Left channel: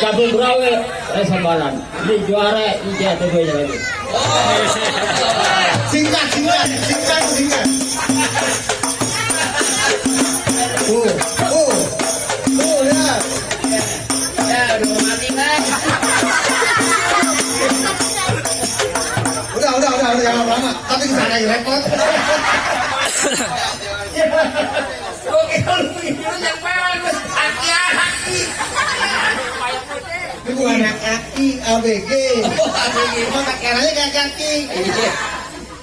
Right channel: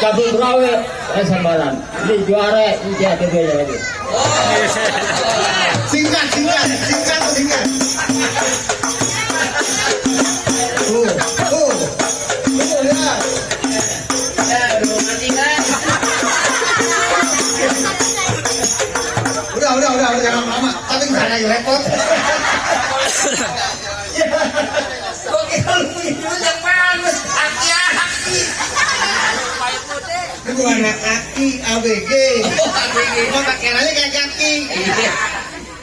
cabai brawe sambalan. Ini juara ini bedanya lagi. Singkat. Lihat. Udah jangan lama. Tapi sana repot. Oke, itu yang mana? Aki. Itu anak kaki ABG. Oh, pakerannya kayak kaki.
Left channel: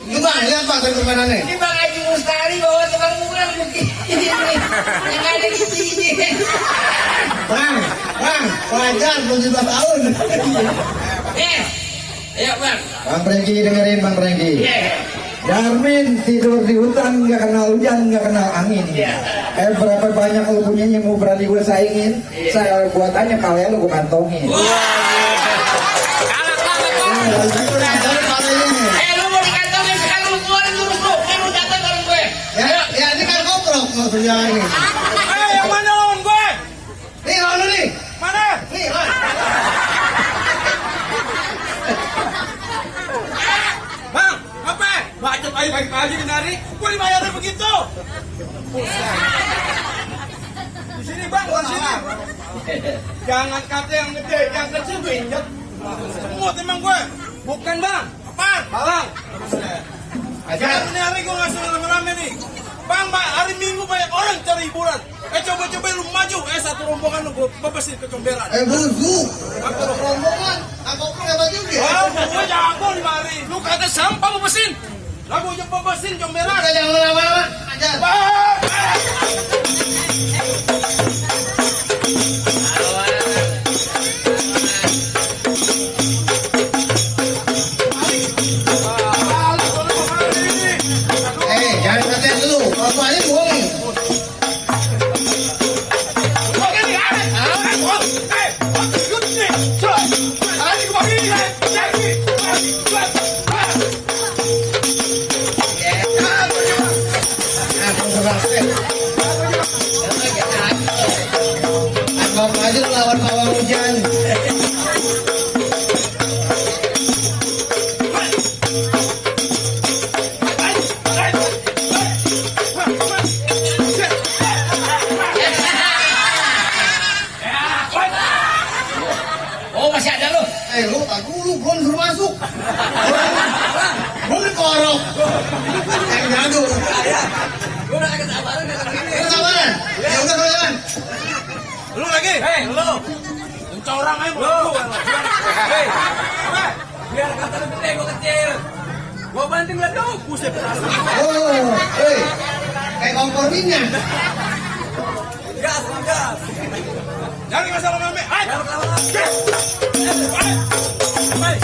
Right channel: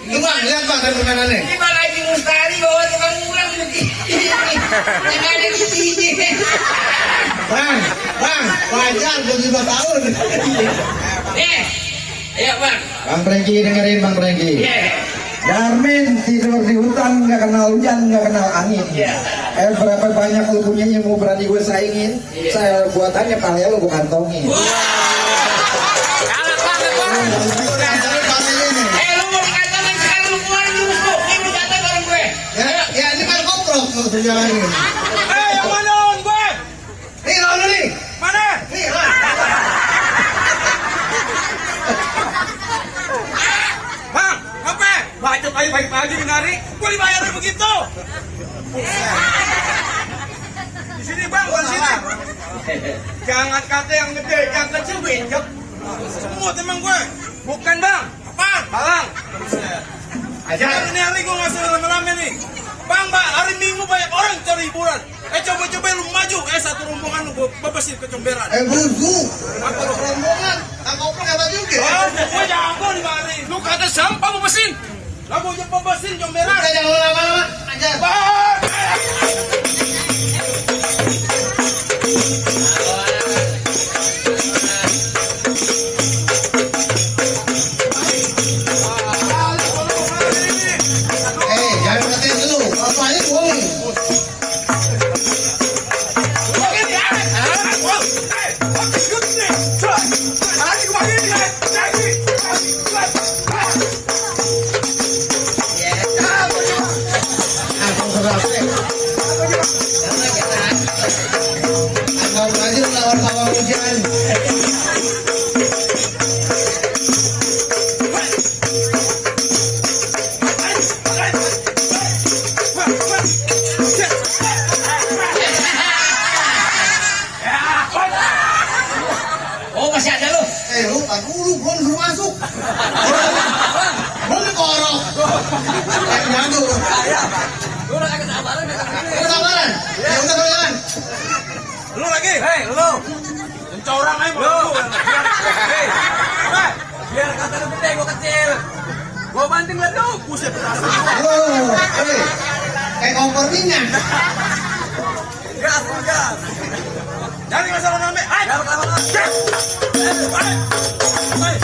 Itu bang, lihat bang dari permainannya. Ini Bang Haji Mustari bawa tukang murah begini. Yang ada di sini. Bang, wajar 17 tahun. Ya Bang. Bang Prengki dengerin Bang Prengki. Darmin tidur di hutan nggak kenal hujan nggak kenal angin. Berapa banyak lu punya yang mau berani gue saingin, saya buatannya kalian lu gue kantongin. Lu mau dikantongin sekarang lu keluarin dulu lu. Ini mau jatuh bareng gue. Ya ini kan koprok mau terjalanin. Yang mana lawan gue? Nih lawan lu nih. Mana? Nih Bang, apa? Baca baik-baik aja menarik. Gue dibayar begitu. Di sini bang, di sini. Jangan kata yang gede, yang kecil pinjek. Semua teman gue. Bukan bang. Apa? Balang. Aja. Ini hari gue nggak suruh lama-lama nih. Bang, hari Minggu banyak orang cari hiburan. Coba-coba lu maju. Satu rombongan lu gue bebasin ke comberan. Bu. Atau rombongan. Aku pun kata juga. Oh, gue jangan bari. Lu kata sampah bebasin. Lagu yang bebasin comberan. Jangan lama-lama. Aja. Bang. Jangan ngetes dulu. Soalnya boleh. Anggap aja lawan hawa hujan. Oh, masih ada lu. Lu tak dulu belum suruh masuk. Belum dikorok. Yang jadul. Lu udah kagak sabaran datang sini. Kesabaran. Ya udah kesabaran. Lu lagi? Hei, lu. Mencorang aja mau lu. Hei. Biar kata lu gede, gua kecil. Gua banting lihat lu, buset berasa. Oh, kayak kompor minyak. Gas. Jangan masalah ngambil. Hai. Jangan. Hai.